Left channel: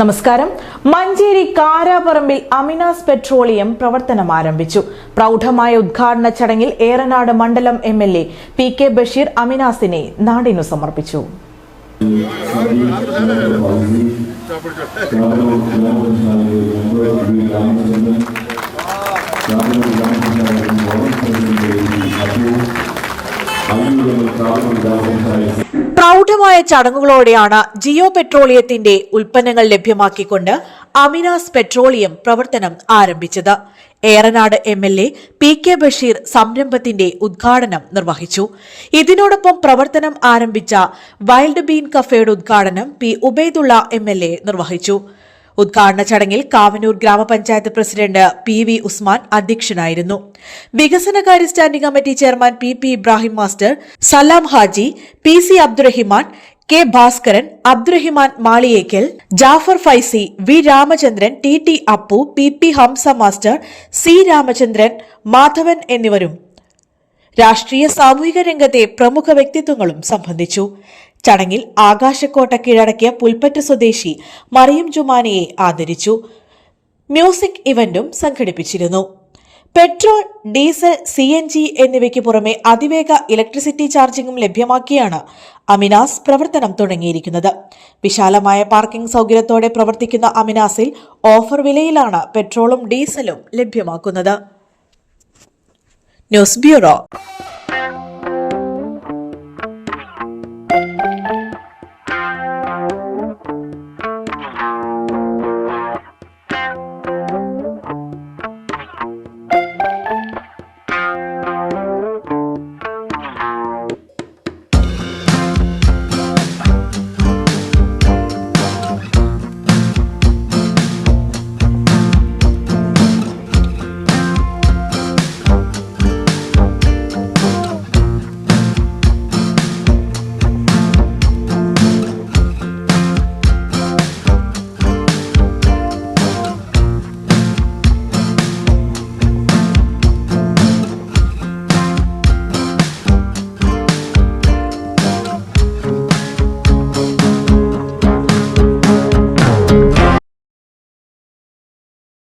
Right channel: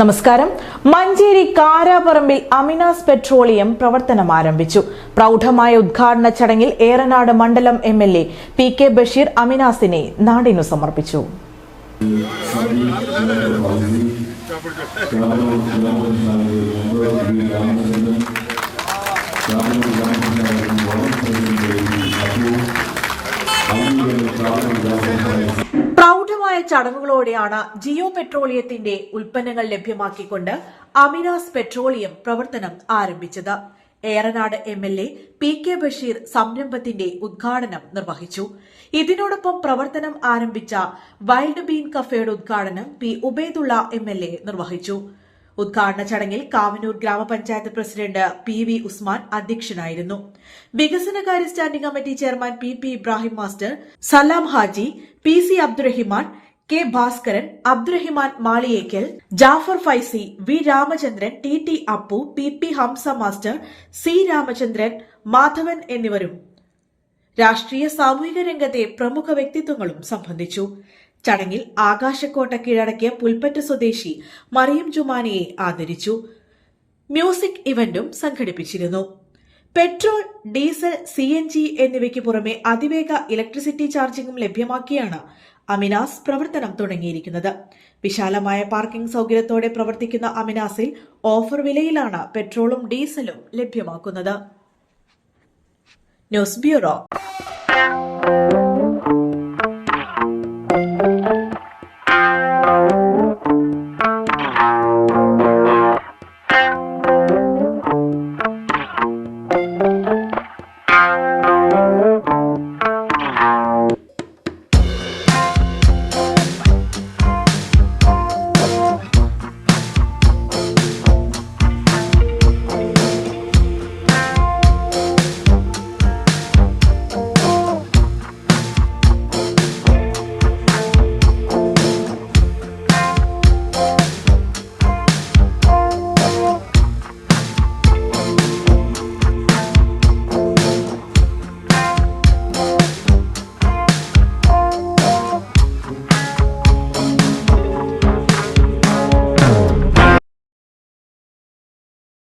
നമസ്കാരം. മഞ്ചേരി കാരാപറമ്പിൽ അമിനാസ് പെട്രോളിയം പ്രവർത്തനം ആരംഭിച്ചു. പ്രൗഢമായ ഉദ്ഘാടന ചടങ്ങിൽ ഏറനാട് മണ്ഡലം എംഎൽഎ പി കെ ബഷീർ അമിനാസിനെ നാടിനു സമർപ്പിച്ചു. പ്രൗഢമായ ചടങ്ങുകളോടെയാണ് ജിയോ പെട്രോളിയത്തിന്റെ ഉൽപ്പന്നങ്ങൾ ലഭ്യമാക്കിക്കൊണ്ട് അമിനാസ് പെട്രോളിയം പ്രവർത്തനം ആരംഭിച്ചത്. Eranad MLA P K Basheer സംരംഭത്തിന്റെ ഉദ്ഘാടനം നിർവഹിച്ചു. ഇതിനോടൊപ്പം പ്രവർത്തനം ആരംഭിച്ച വൈൽഡ് ബീൻ കഫേയുടെ ഉദ്ഘാടനം പി ഉബൈദുള്ള എംഎൽഎ നിർവഹിച്ചു. ഉദ്ഘാടന ചടങ്ങിൽ കാവനൂർ ഗ്രാമപഞ്ചായത്ത് പ്രസിഡന്റ് പി വി ഉസ്മാൻ അധ്യക്ഷനായിരുന്നു. വികസനകാര്യ standing committee chairman P P Ibrahim master, Salam Haji, P C Abdurahiman, K Bhaskaran, Abdurahiman Maliyekkal, Jafar Faizi, V Ramachandran, T T Appu, P P Hamza master, C Ramachandran, Madhavan എന്നിവരും രാഷ്ട്രീയ സാമൂഹിക രംഗത്തെ പ്രമുഖ വ്യക്തിത്വങ്ങളും സംബന്ധിച്ചു. ചടങ്ങിൽ ആകാശക്കോട്ട കീഴടക്കിയ പുൽപ്പറ്റ സ്വദേശി മറിയം ജുമാനയെ ആദരിച്ചു. മ്യൂസിക് ഇവന്റും സംഘടിപ്പിച്ചിരുന്നു. പെട്രോൾ, ഡീസൽ, CNG എന്നിവയ്ക്ക് പുറമെ അതിവേഗ ഇലക്ട്രിസിറ്റി ചാർജിംഗും ലഭ്യമാക്കിയാണ് അമിനാസ് പ്രവർത്തനം തുടങ്ങിയിരിക്കുന്നത്. വിശാലമായ പാർക്കിംഗ് സൗകര്യത്തോടെ പ്രവർത്തിക്കുന്ന അമിനാസിൽ ഓഫർ വിലയിലാണ് പെട്രോളും ഡീസലും ലഭ്യമാക്കുന്നത്. News bureau.